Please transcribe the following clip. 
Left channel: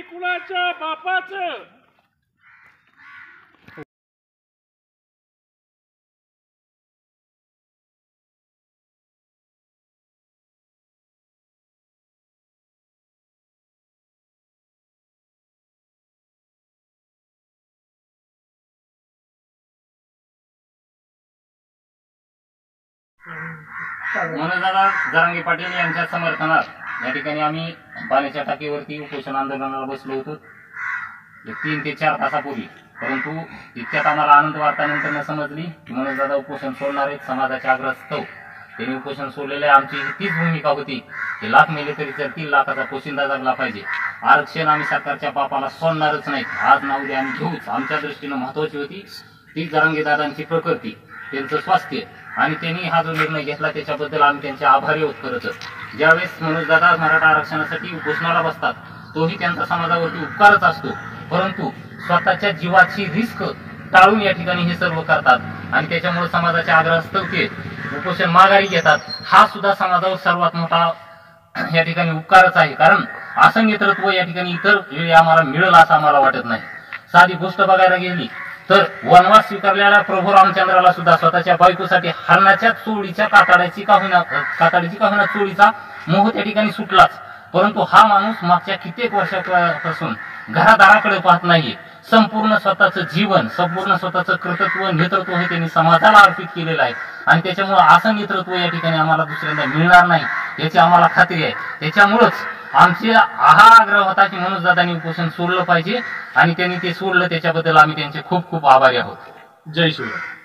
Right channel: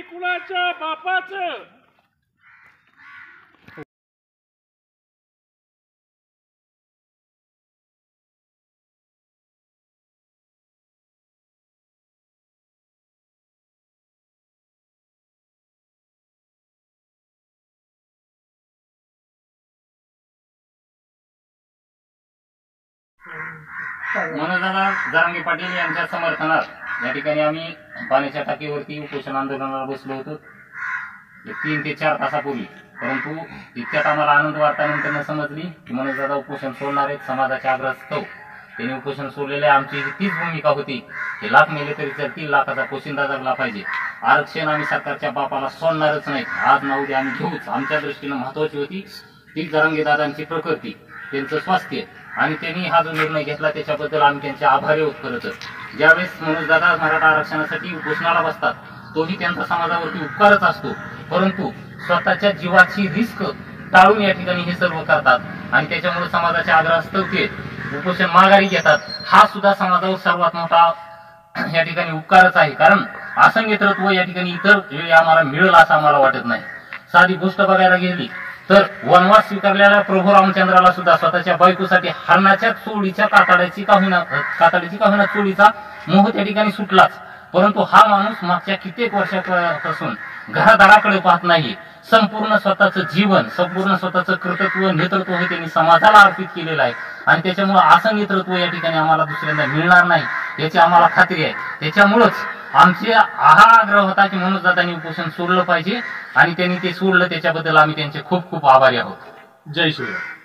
आणि कुणाच्या बापाचं मनोजदादा जरांगे पाटील यांच्या समर्थनात या ठिकाणी आम्ही पाण्याच्या टाकीवरती उपोषण आंदोलनाला बसलो होतो 3 ते 4 तासापूर्वी। परंतु इतक्यात आम्हाला आनंद वार्तानंतर समजली की मनोजदादा उपोषण सोडणार आहेत। समाजाच्या आग्रहास्तव त्यांनी उपोषण सोडलेले। आमची तीच भूमिका होती की लाख मेले तरी चलतील, लाखाचा पोशिंदा जगला पाहिजे। आरक्षण आम्ही सरकारच्या बापाला सोडणारच नाही। आज ना उद्या आम्ही घेऊच। आमच्या दृष्टीने महत्त्वाची होती ती जरांगे दादांची प्रकृती, त्यांचं स्वास्थ्य, आणि त्यांनी हा जो निर्णय घेतला त्याच्याबद्दल आम्ही त्यांचे आभारी आहोत। खरंच ज्यावेळेस मनोजदादा मराठा आरक्षणासाठी उपोषणाला बसतात तोही त्यांचा समाजावरती उपकारच असतो, परंतु स्वतःच्या जीवाची रिस्क टाळून या ठिकाणी हे सर्व करतात आणि त्याच्यामुळे समाजाच्या आग्रहास्तव ते उपोषण माघारी घेतात। हा सुद्धा समाजावर सर्वात मोठा या ठिकाणी उपकारच आहे, कारण असं नेतृत्व या ठिकाणी इतर वेळी आम्हाला मिळेल असं आम्हाला वाटत नाही। साधी गोष्ट बघायला गेली तर वनवास स्वीकारलेल्या प्रभू रामचंद्राला सुद्धा स्वतःच्या बायकोसाठी हरणाच्या चोळीच्या कातडीची का होईना चोळीचा मोह त्या ठिकाणी सुटलाच, परंतु हा माणूस मागच्या कित्येक वर्षापासून घरादाराकडे पाहत नाही। संपूर्ण स्वतःचं जीवन, संपूर्ण स्वतःचं कर्तृत्व, नेतृत्व हे त्यांनी समाजाला अर्पित केलेलं आहे आणि त्याच्यामुळे असं नेतृत्व या ठिकाणी आम्हाला दुसऱ्यांदा मिळणार नाही याची आम्हाला खात्री आहे। त्याच्यामुळेच आमचे हा आग्रह होता की मनोजदादांनी उपोषण सोडलं पाहिजे आणि त्यांनी ते सोडलं, त्याच्याबद्दल आम्ही त्यांचे खूप खूप आभारी आहोत। जय श्रीराम।